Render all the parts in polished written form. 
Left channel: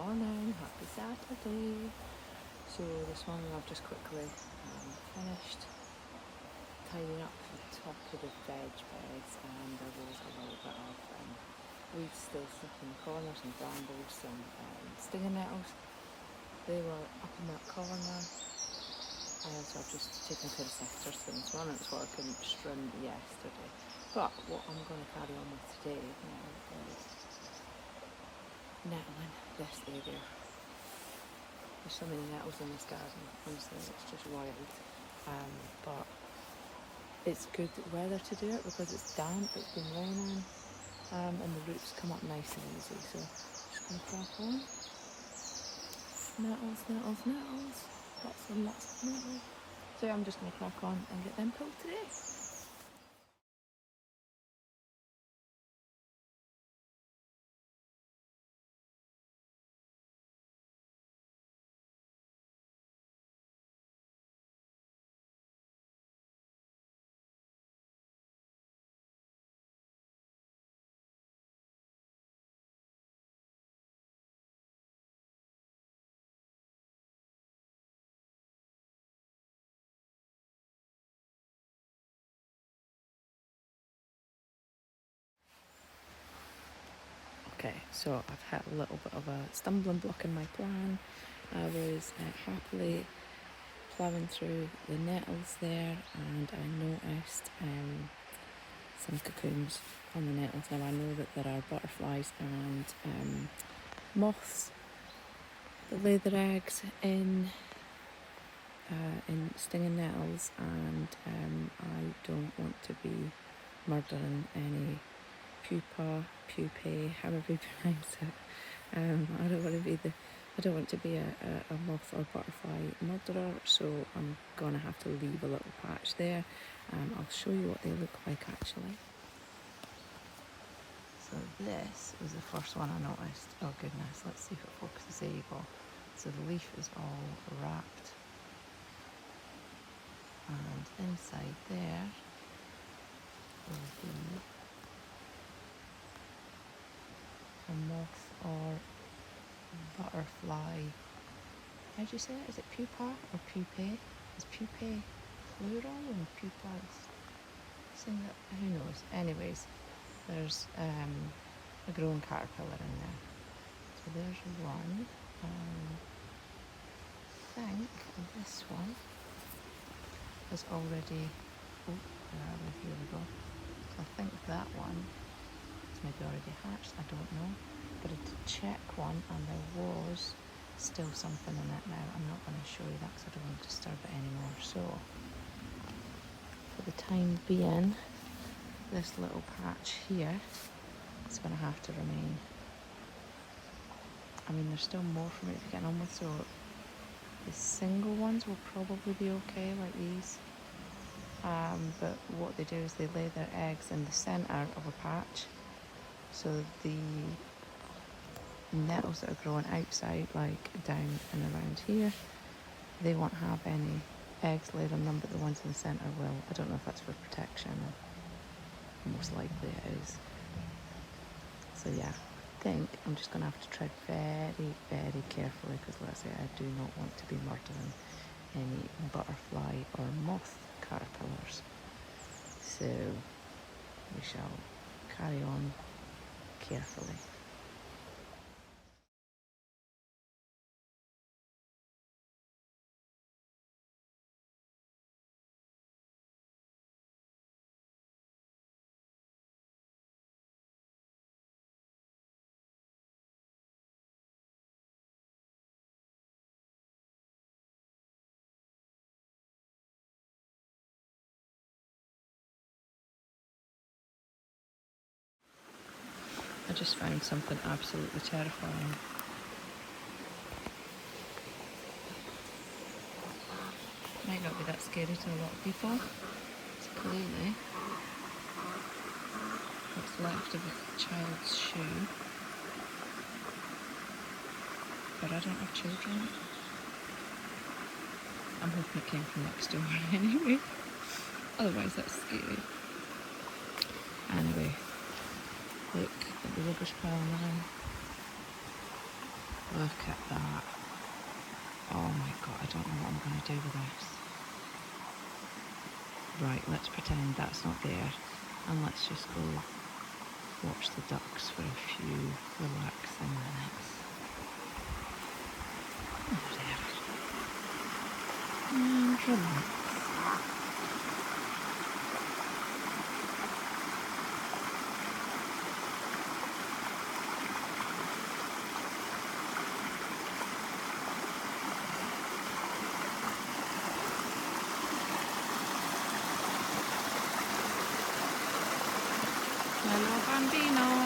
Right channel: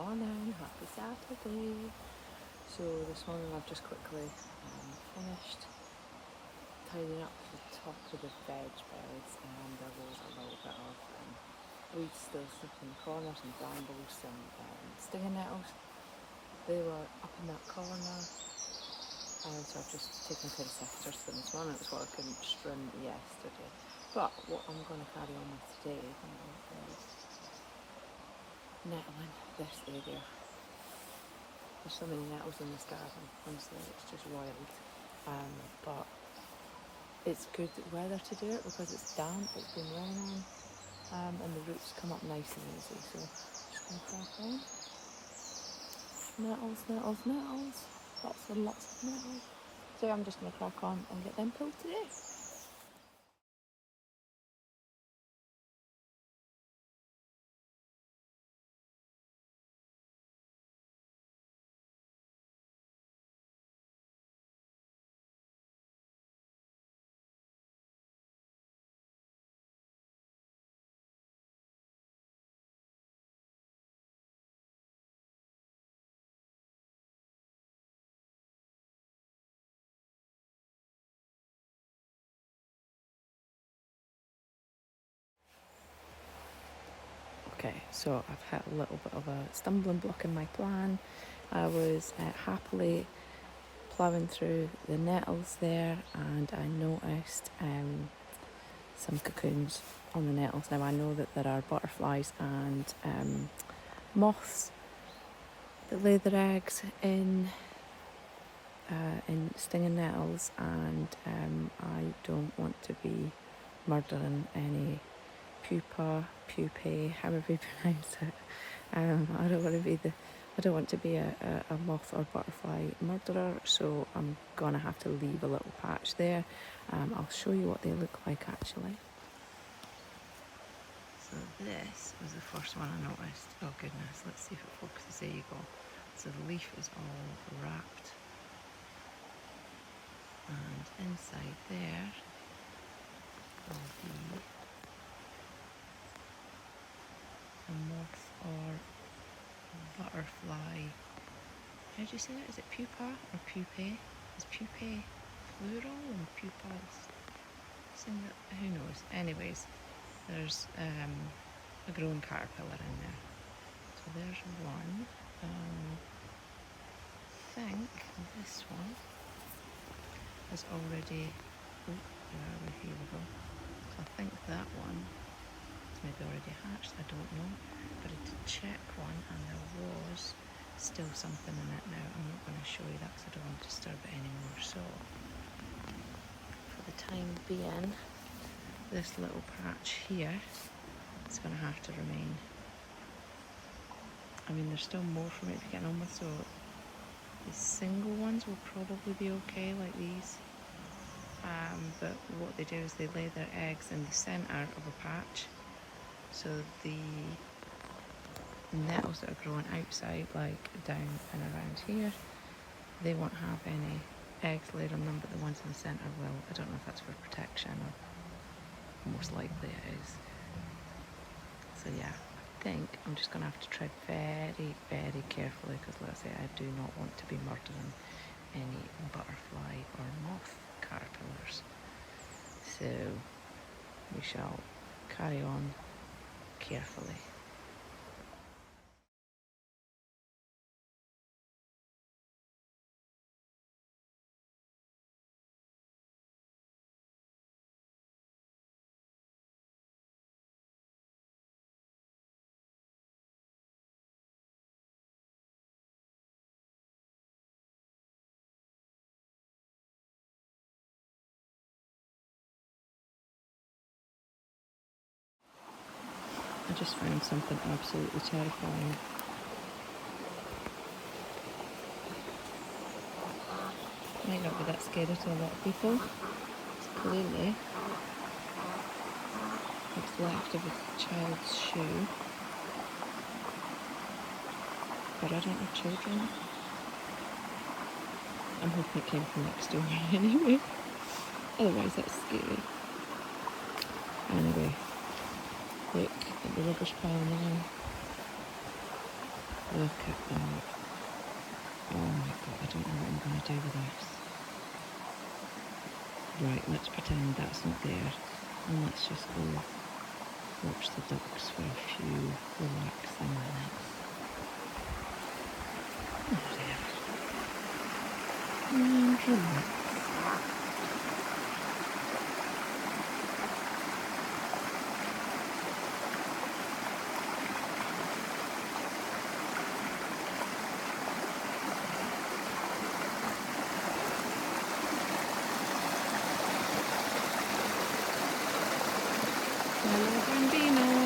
morning, happy Saturday. So this morning I've just quickly finished tidying up the top of the veg beds, and there was a little bit of weeds still stuck in the corners, some brambles, some stinging nettles. They were up in that corner, so I've just taken a pair of secateurs to them this morning. It's what I couldn't trim yesterday. But what I'm going to carry on with today is nettling this area. There's so many nettles in this garden, honestly, it's just wild. But it's good weather to do it because it's damp, it's been raining, and the roots come up nice and easy. So I'm just going to crack on. Nettles, nettles, nettles. Lots and lots of nettles. So I'm just going to crack on and get them pulled today. Okay, so I've had a little bit of a stumbling block in my plan. I was happily ploughing through the nettles there, and I noticed some cocoons on the nettles. Now I know that there are butterflies and moths that lay their eggs in stinging nettles, and I don't want to be murdering any pupae, however you pronounce it. I don't want to be a moth or butterfly murderer, so I'm gonna have to leave a little patch there. I'll show you what they look like actually. So this was the first one I noticed. Oh goodness, let's see if it focuses. There you go. So the leaf is all wrapped, and inside there will be a moth or butterfly. How do you say it? Is it pupa or pupae? Is pupae plural and pupa is singular? Who knows? Anyways, there's a growing caterpillar in there. So there's one. I think this one has already. Oh, here we go. I think that one maybe already hatched, I don't know, but I did check one and there was still something in it. Now I'm not going to show you that because I don't want to disturb it anymore. So for the time being, this little patch here is going to have to remain. I mean, there's still more for me to get on with, so the single ones will probably be okay, like these. But what they do is they lay their eggs in the centre of a patch. So the nettles that are growing outside, like down and around here, they won't have any eggs laid on them, but the ones in the centre will. I don't know if that's for protection, or most likely it is. So yeah, I think I'm just going to have to tread very, very carefully, because let's say I do not want to be murdering any butterfly or moth caterpillars. So we shall carry on carefully. I just found something absolutely terrifying. Might not be that scary to a lot of people. It's clearly what's left of a child's shoe. But I don't have children. I'm hoping it came from next door anyway. Otherwise that's scary. Anyway, look at the rubbish pile now. Look at that. Oh my god, I don't know what I'm going to do with this. Right, let's pretend that's not there. And let's just go watch the ducks for a few relaxing minutes. Oh, there. And relax. Hello, bambinos.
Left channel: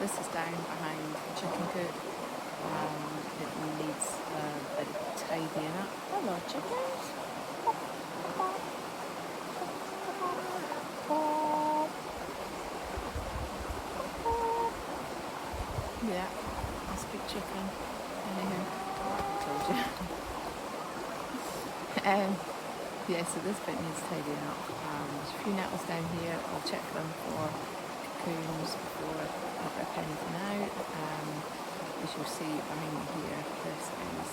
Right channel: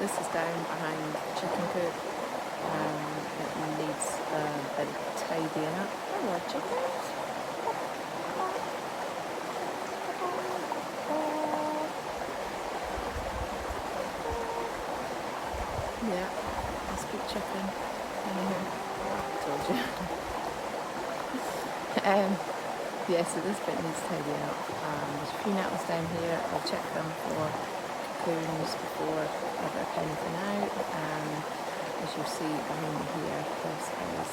This is down behind the chicken coop. It needs a bit of tidying up. Hello, chickens. Pop, pop, pop, pop, pop, pop. Yeah, I speak chicken. Anyhow, told you. Yeah, so this bit needs tidying up. There's a few nettles down here. I'll check them for cocoons before I rip anything out. As you'll see behind me here, this is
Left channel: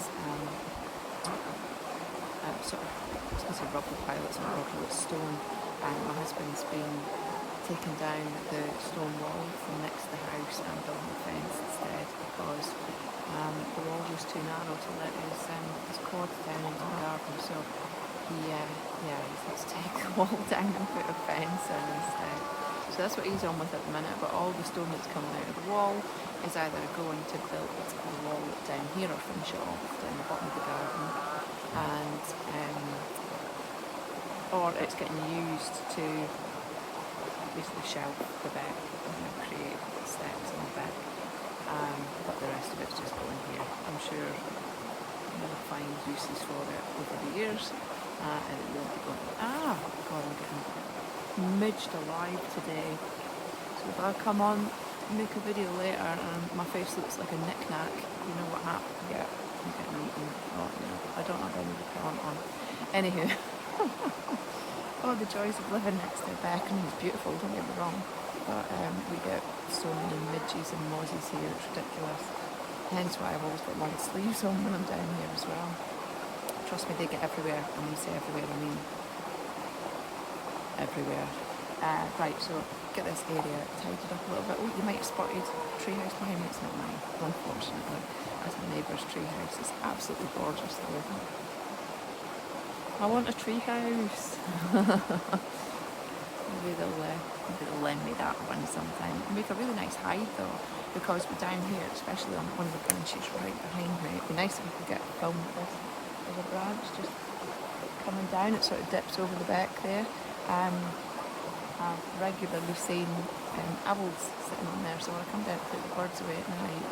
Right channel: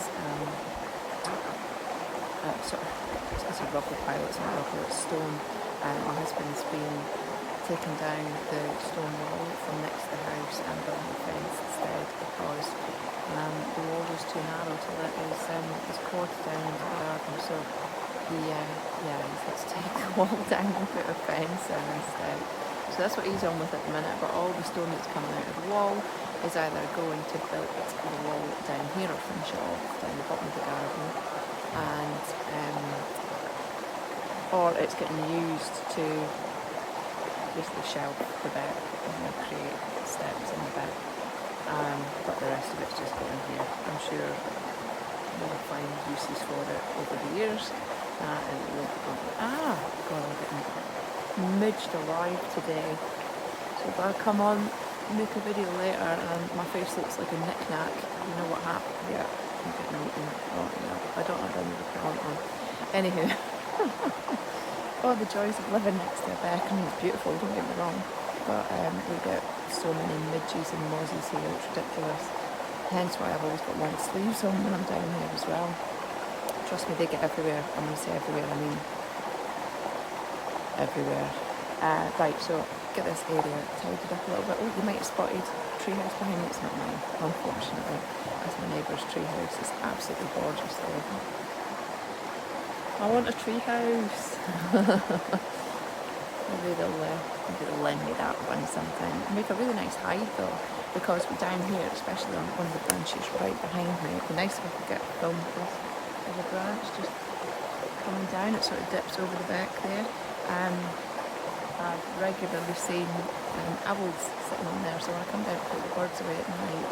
sort of, it's a rubble pile. It's not rubble, it's stone. My husband's been taking down the stone wall from next to the house and building a fence instead because the wall was too narrow to let his quads down into the garden. So he's had to take the wall down and put a fence in instead. So that's what he's on with at the minute, but all the stone that's coming out of the wall is either going to build the wall down here or finish it off down the bottom of the garden, and or it's getting used to basically shelf the back, create steps in the back, but the rest of it's just going here. I'm sure we'll find uses for it over the years, and it won't be going. God, I'm getting midged alive today. So if I come on, make a video later and my face looks like a knick-knack, you know what happened? Yeah, I'm getting eaten. Oh no, I don't have any repellent on. Anywho, oh, the joys of living next to a beck. I mean, it's beautiful, don't get me wrong, but we get so many midges and mozzies here, it's ridiculous. Hence why I've always got long sleeves on when I'm down here as well. Trust me, they get everywhere. I'm going to say everywhere, I mean everywhere. Right, so get this area tidied up a little bit. Oh, you might have spotted a tree house behind me. It's not mine, unfortunately. That's my neighbour's tree house. It's absolutely gorgeous though, isn't it? I want a tree house. maybe they'll lend me that one sometime. Make a really nice hide though, because we're down here, especially on one of the branches right behind me. It'd be nice if I could get a film with this. There's a branch just coming down. It sort of dips over the back there. I've regularly seen owls sitting on there, so when I come down to put the birds away at night,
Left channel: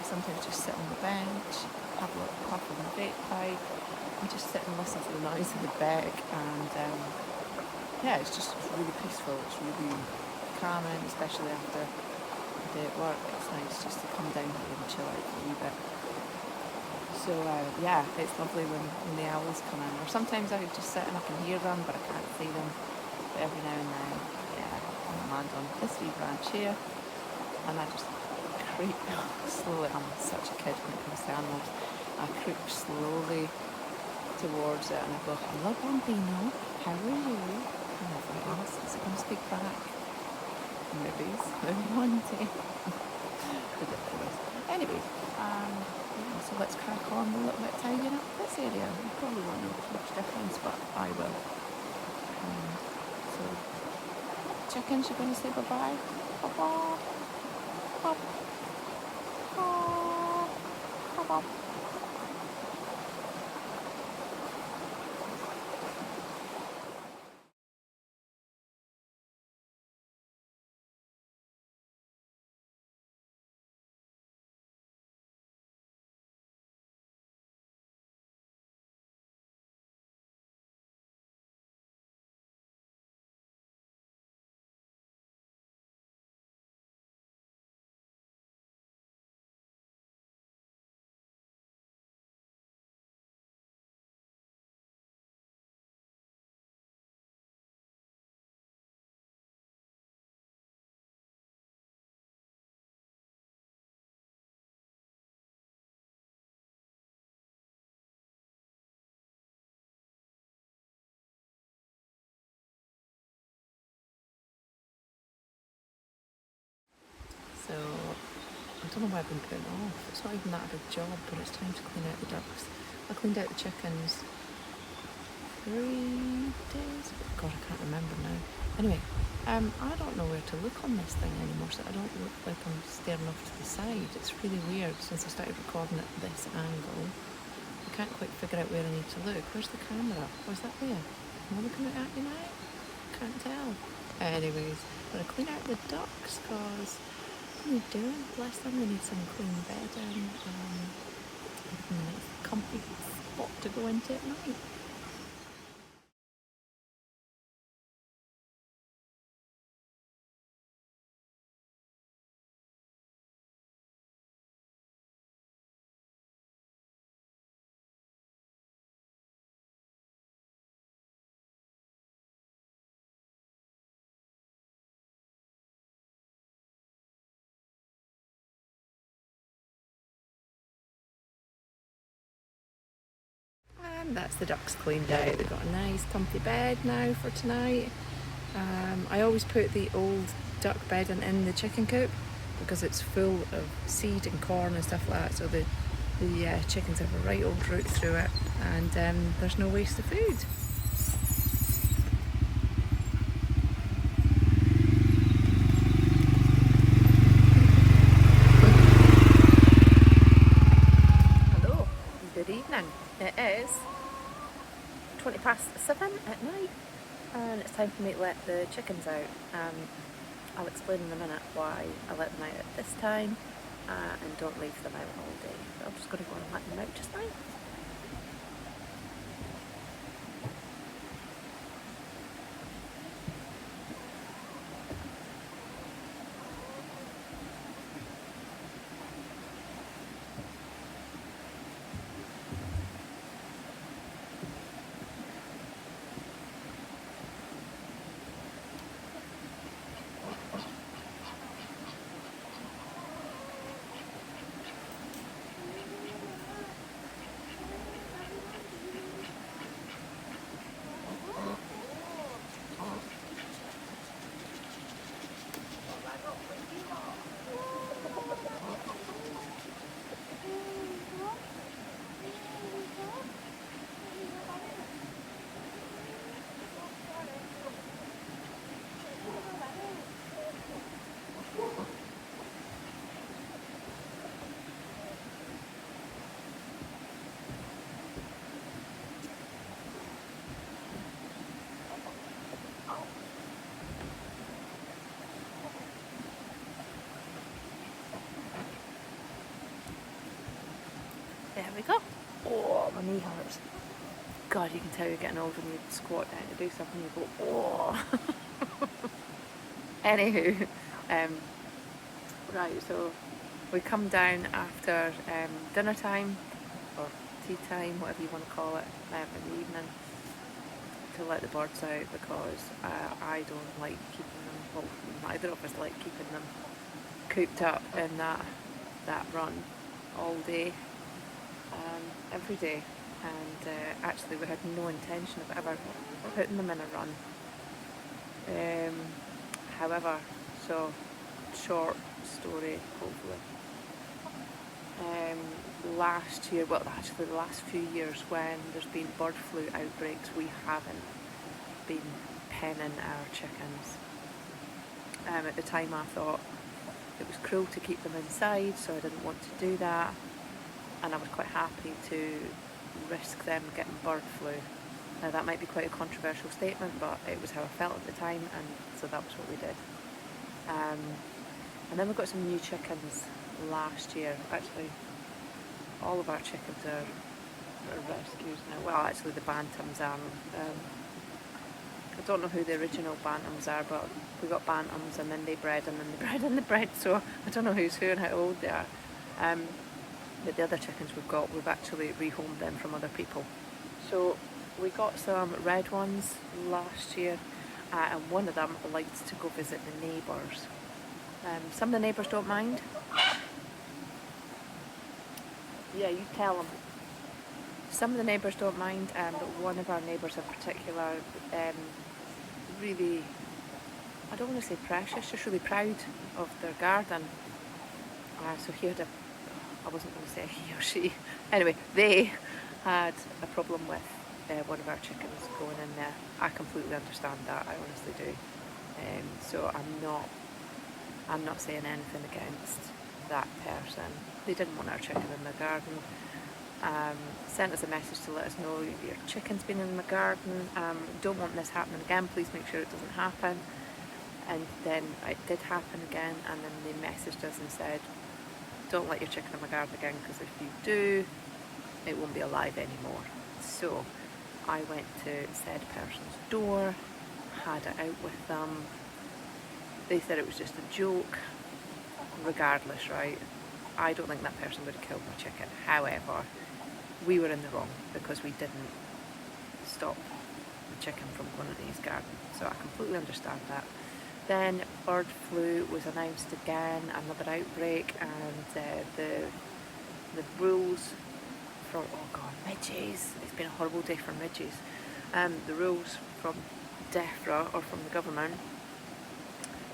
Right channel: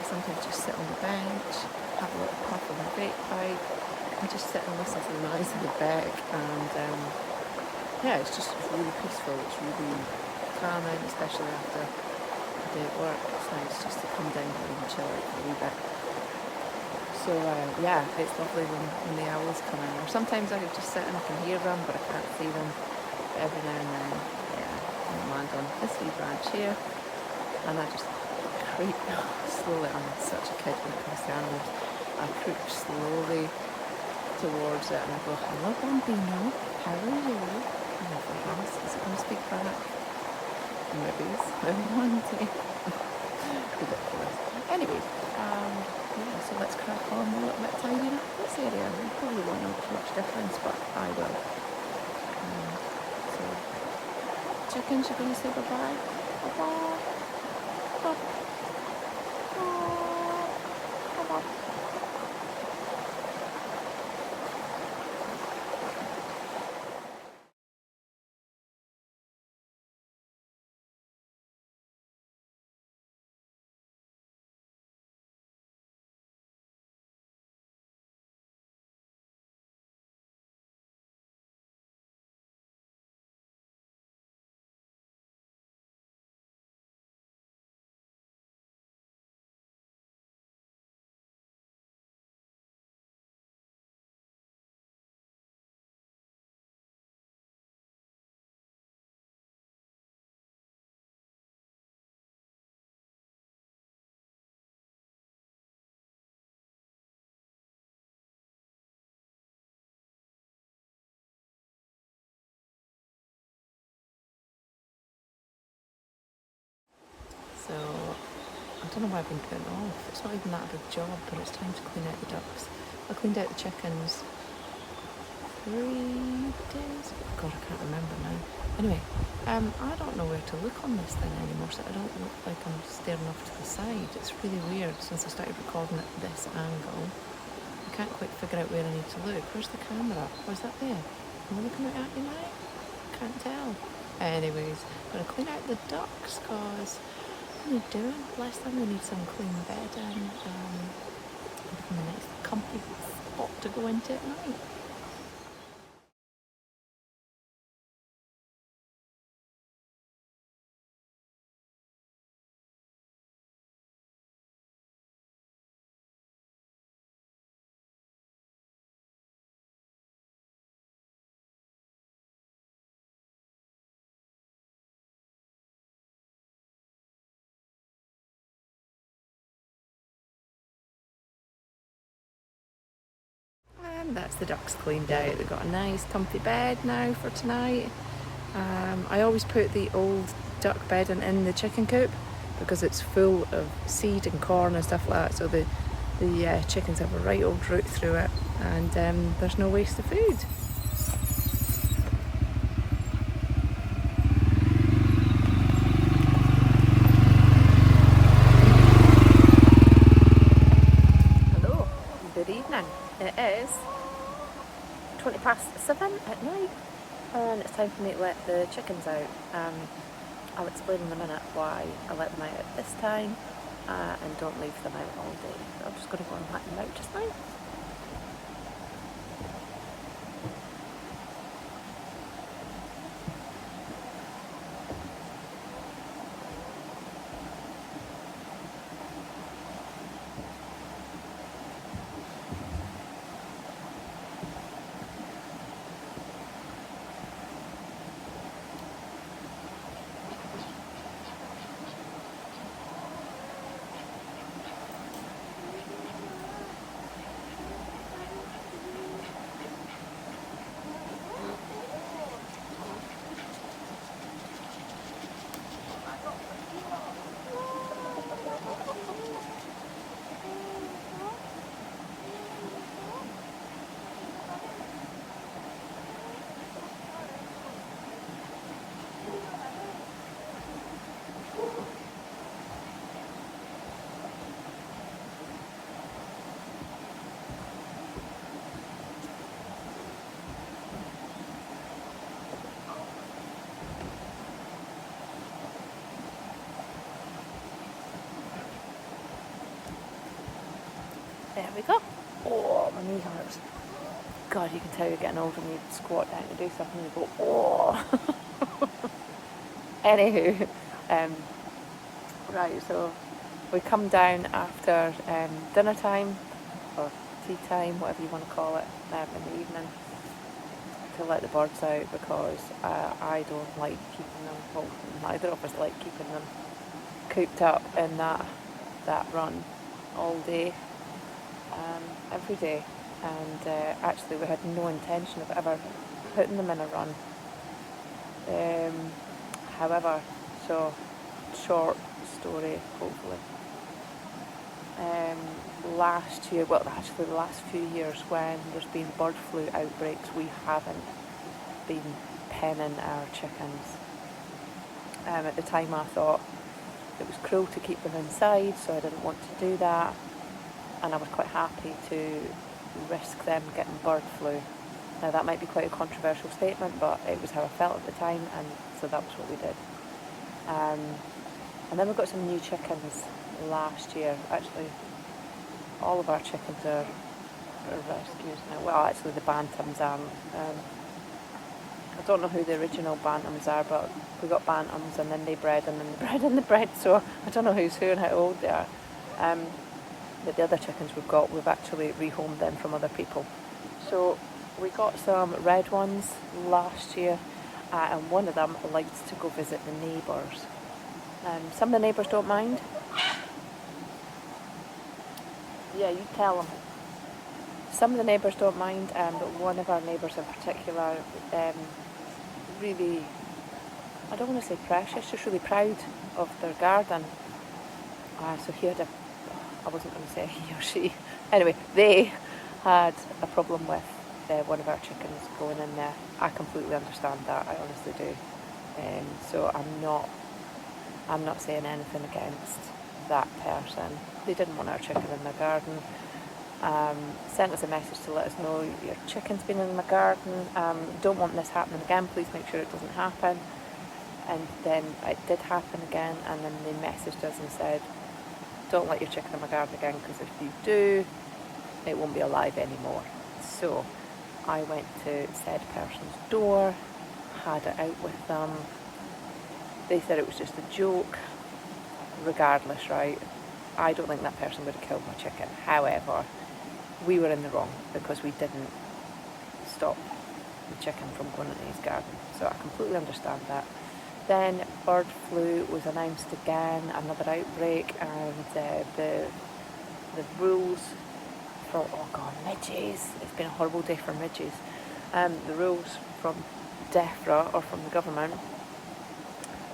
I sometimes just sit on the bench, have a little puff of my vape pipe, and just sit and listen to the noise of the beck. And it's really peaceful. It's really calming, especially after a day at work. It's nice just to come down here and chill out for a wee bit. So it's lovely when the owls come in. Or sometimes I could just sit and I can hear them, but I can't see them. But every now and then, I'm land on this wee branch here, and I just creep slowly. I'm such a kid when it comes to animals. I creep slowly towards it, and I go, "Hello, Bambino. How are you?" And they're thinking, is it going to speak back? Maybe one day. Ridiculous. Anyways, so let's crack on with a little bit of tidying up this area. You probably won't notice much difference, but I will. So, chickens, you're going to say bye-bye? Bye-bye. Bye-bye. Bye-bye. don't know why I've been putting it off. It's not even that a big job, but it's time to clean out the ducks. I cleaned out the chickens 3 days ago. God, I can't remember now. Anyway, I don't know where to look on this thing anymore, so I don't look like I'm staring off to the side. It's really weird since I started recording at this angle. I can't quite figure out where I need to look. Where's the camera? Was that there? Am I looking at you now? Can't tell. Anyways, I'm going to clean out the ducks because what are you doing? Bless them, they need some clean bedding and give them a nice comfy spot to go into at night. And that's the ducks cleaned out. They've got a nice comfy bed now for tonight. I always put the old duck bedding in the chicken coop because it's full of seed and corn and stuff like that, so the chickens have a right old route through it, and there's no waste of food. Hello, good evening. It is 7:20 at night and it's time for me to let the chickens out. I'll explain in a minute why I let them out at this time and don't leave them out all day. So I'm just going to go and let them out just now. There we go. Oh, my knee hurts. God, you can tell you're getting old when you squat down to do something and you go, oh. Anywho, right, so we come down after dinner time, or tea time, whatever you want to call it, in the evening, to let the birds out because I don't like keeping them, well, neither of us like keeping them cooped up in that run all day. Every day, and actually we had no intention of ever putting them in a run. However, so short story, hopefully. Last year, well actually the last few years when there's been bird flu outbreaks, we haven't been penning our chickens. At the time I thought it was cruel to keep them inside, so I didn't want to do that. And I was quite happy to risk them getting bird flu. Now that might be quite a controversial statement, but it was how I felt at the time, and so that was what we did. And then we got some new chickens last year. Actually, all of our chickens are rescues now. Well, actually the bantams aren't. I don't know who the original bantams are, but we got bantams and then they bred and then they bred and they bred, so I don't know who's who and how old they are. But the other chickens we've actually rehomed them from other people. So we got some red ones last year, and one of them likes to go visit the neighbours. Some of the neighbours don't mind. Yeah, you tell them. Some of the neighbours don't mind, but one of our neighbours in particular, really, I don't want to say precious, just really proud of their garden. So he had I wasn't going to say he or she, anyway, they had a problem with one of our chickens going in there. I completely understand that, I honestly do. So I'm not saying anything against that person. They didn't want our chicken in their garden. Sent us a message to let us know your chicken's been in my garden. Don't want this happening again. Please make sure it doesn't happen. And then it did happen again, and then they messaged us and said, don't let your chicken in my garden again, because if you do, it won't be alive anymore. So I went to said person's door, had it out with them. They said it was just a joke. Regardless, right, I don't think that person would have killed my chicken. However, we were in the wrong because we didn't stop the chicken from going into his garden. So I completely understand that. Then bird flu was announced again, another outbreak, and the rules from, oh god, midges, it's been a horrible day for midges. The rules from DEFRA, or from the government,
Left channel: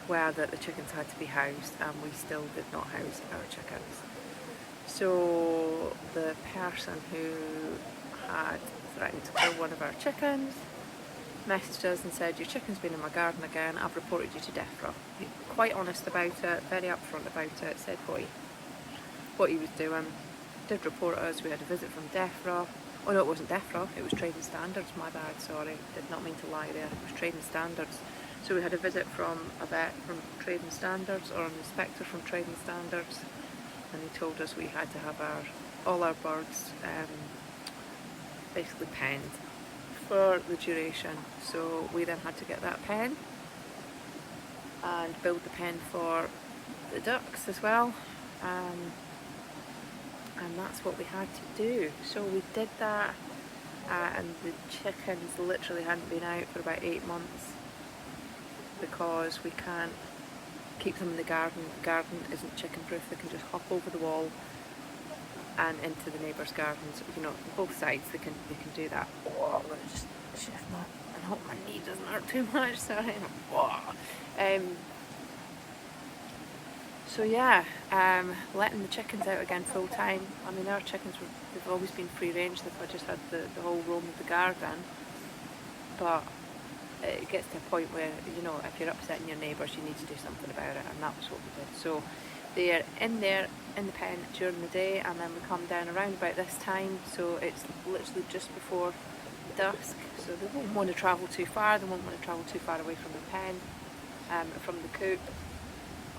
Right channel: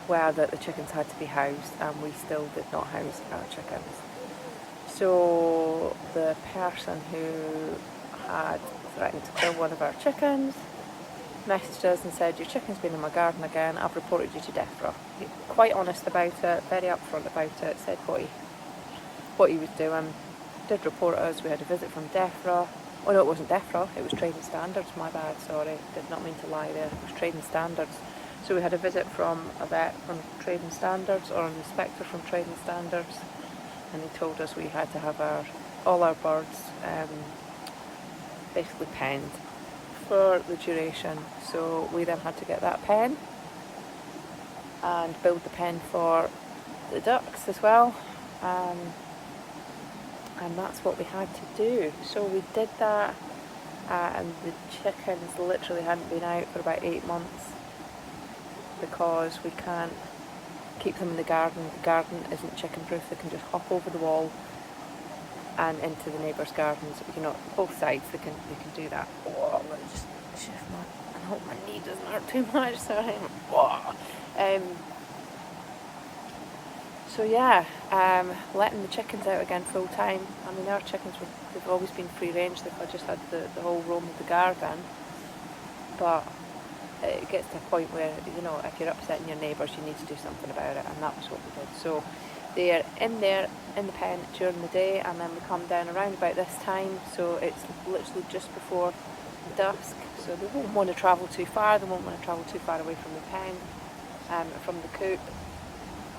were that the chickens had to be housed, and we still did not house our chickens. So the person who had threatened to kill one of our chickens messaged us and said, your chicken's been in my garden again, I've reported you to DEFRA. Quite honest about it, very upfront about it, said what he was doing, did report us. We had a visit from DEFRA. Oh no, it wasn't DEFRA, it was Trading Standards, my bad, sorry, did not mean to lie there, it was Trading Standards. So we had a visit from a vet from Trading Standards, or an inspector from Trading Standards, and he told us we had to have all our birds basically penned for the duration. So we then had to get that pen and build the pen for the ducks as well, and that's what we had to do. So we did that, and the chickens literally hadn't been out for about 8 months because we can't keep them in the garden. The garden isn't chicken proof. They can just hop over the wall and into the neighbours' gardens. You know, both sides they can do that. Oh, let me just shift and hope my knee doesn't hurt too much. Sorry. So yeah, letting the chickens out again full time. I mean, our chickens they've always been free range. They've just had the whole roam of the garden, but it gets to a point where, you know, if you're upsetting your neighbours, you need to do something about it, and that was what we did. So they are in there in the pen during the day, and then we come down around about this time, so it's literally just before dusk, so they won't want to travel too far. They won't want to travel too far away from the pen, from the coop,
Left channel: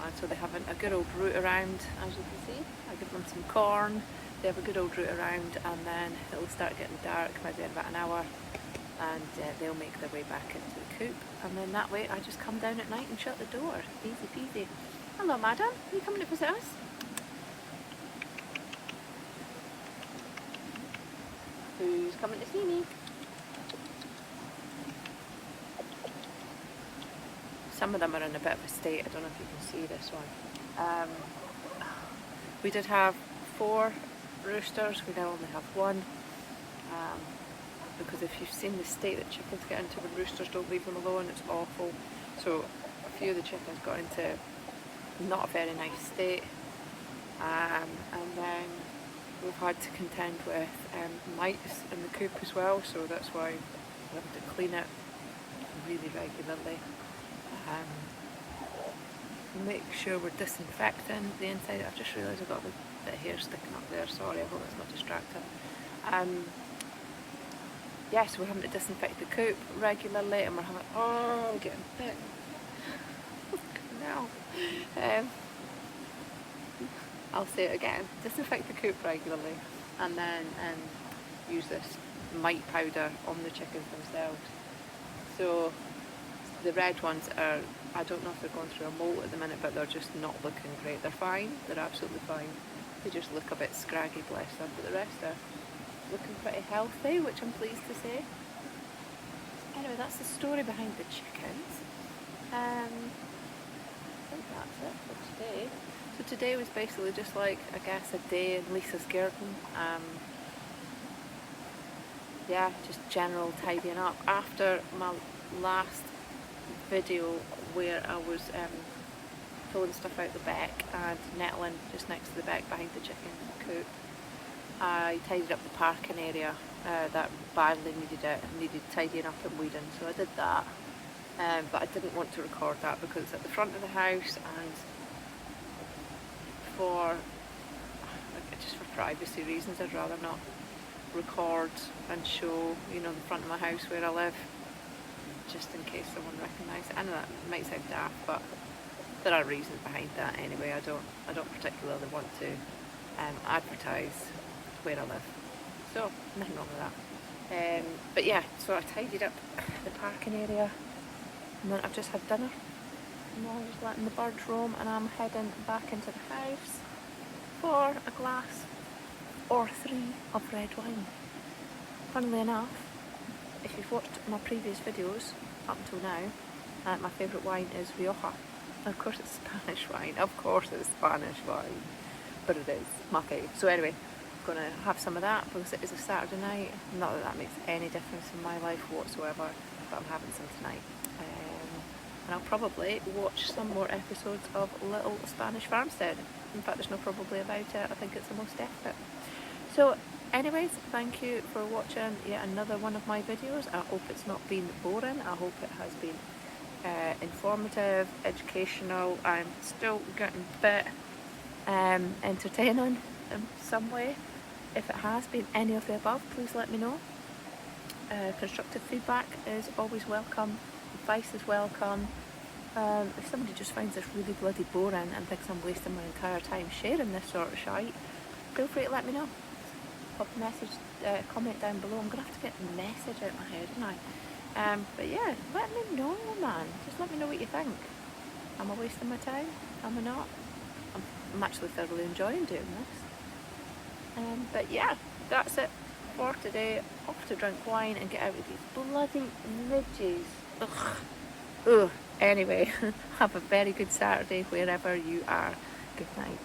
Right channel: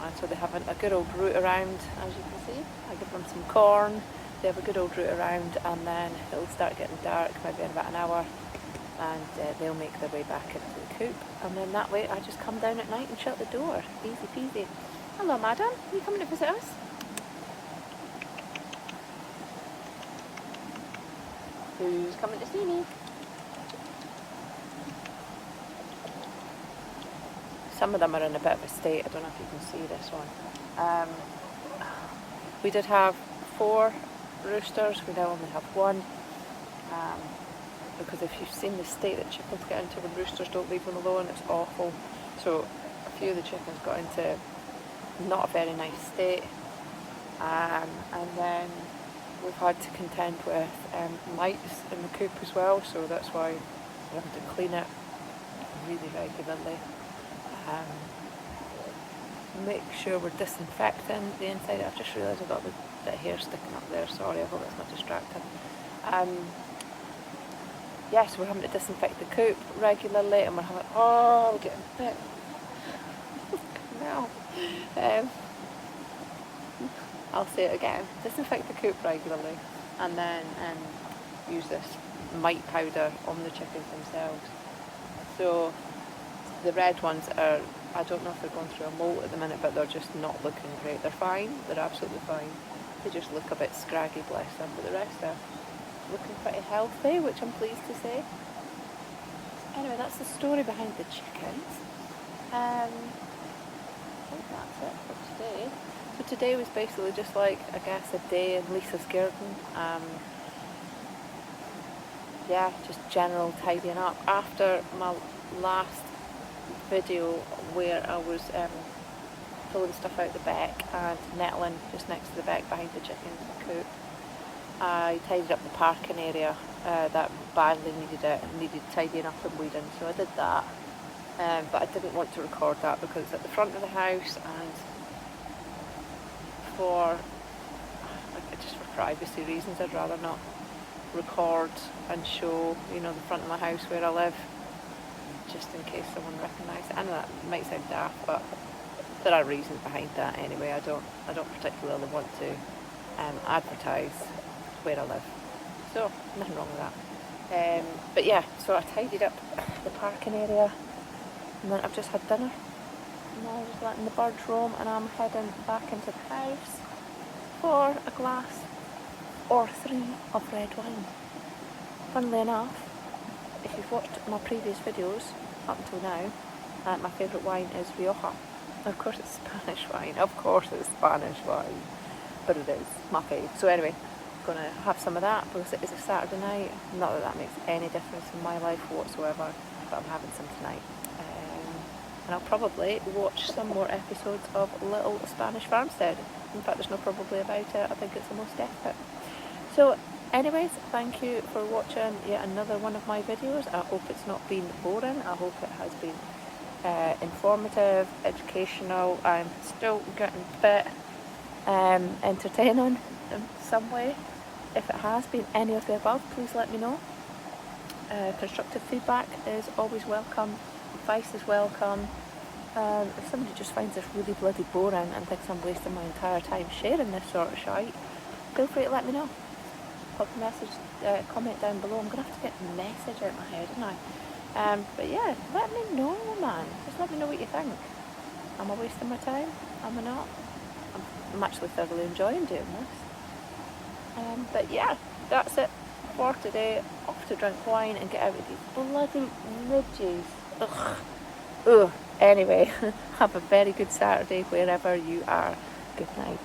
and so they have a good old route around. As you can see, I give them some corn. They have a good old route around, and then it'll start getting dark maybe in about an hour, and they'll make their way back into the coop, and then that way I just come down at night and shut the door. Easy peasy. Hello madam, are you coming to visit us? Who's coming to see me? Some of them are in a bit of a state. I don't know if you can see this one. We did have 4 roosters, we now only have 1. Because if you've seen the state that chickens get into when roosters don't leave them alone, it's awful. So a few of the chickens got into not a very nice state, and then we've had to contend with mites in the coop as well, so that's why we have to clean it really regularly. Make sure we're disinfecting the inside. I've just realised I've got a bit of hair sticking up there, sorry, I hope that's not distracting. Yes, we're having to disinfect the coop regularly, and we're getting bit. No. I'll say it again. Disinfect the coop regularly, and then use this mite powder on the chickens themselves. So the red ones are, I don't know if they're going through a molt at the minute, but they're just not looking great. They're fine, they're absolutely fine. They just look a bit scraggy, bless them, but the rest are looking pretty healthy, which I'm pleased to say. Anyway, that's the story behind the chickens. I think that's it for today. So today was basically just like, I guess, a day in Lisa's Gairden. Yeah, just general tidying up. After my last video where I was pull the stuff out the back, and nettling just next to the back behind the chicken coop. I tidied up the parking area that badly needed tidying up and weeding, so I did that. But I didn't want to record that because it's at the front of the house, and just for privacy reasons, I'd rather not record and show, the front of my house where I live, just in case someone recognises it. I know that might sound daft, but there are reasons behind that anyway. I don't particularly want to advertise where I live, so nothing wrong with that. But yeah, so I tidied up the parking area, and then I've just had dinner. Now I'm just letting the birds roam, and I'm heading back into the house for a glass or 3 of red wine. Funnily enough, if you've watched my previous videos up until now, my favourite wine is Rioja. Of course it's Spanish wine, but it is my favourite. So anyway, I'm going to have some of that because it is a Saturday night. Not that that makes any difference in my life whatsoever, but I'm having some tonight. And I'll probably watch some more episodes of Little Spanish Farmstead. In fact, there's no probably about it. I think it's the most definite. So anyways, thank you for watching yet another one of my videos. I hope it's not been boring. I hope it has been informative, educational. I'm still getting a bit entertaining in some way. If it has been any of the above, please let me know. Constructive feedback is always welcome. Advice is welcome. If somebody just finds this really bloody boring and thinks I'm wasting my entire time sharing this sort of shite, feel free to let me know. Pop a message, comment down below. I'm going to have to get the message out of my head, aren't I? But yeah, let me know, man. Just let me know what you think. Am I wasting my time? Am I not? I'm actually thoroughly enjoying doing this. But yeah, that's it for today. Off to drink wine and get out of these bloody midges. Ugh. Ugh. Anyway, have a very good Saturday wherever you are. Good night.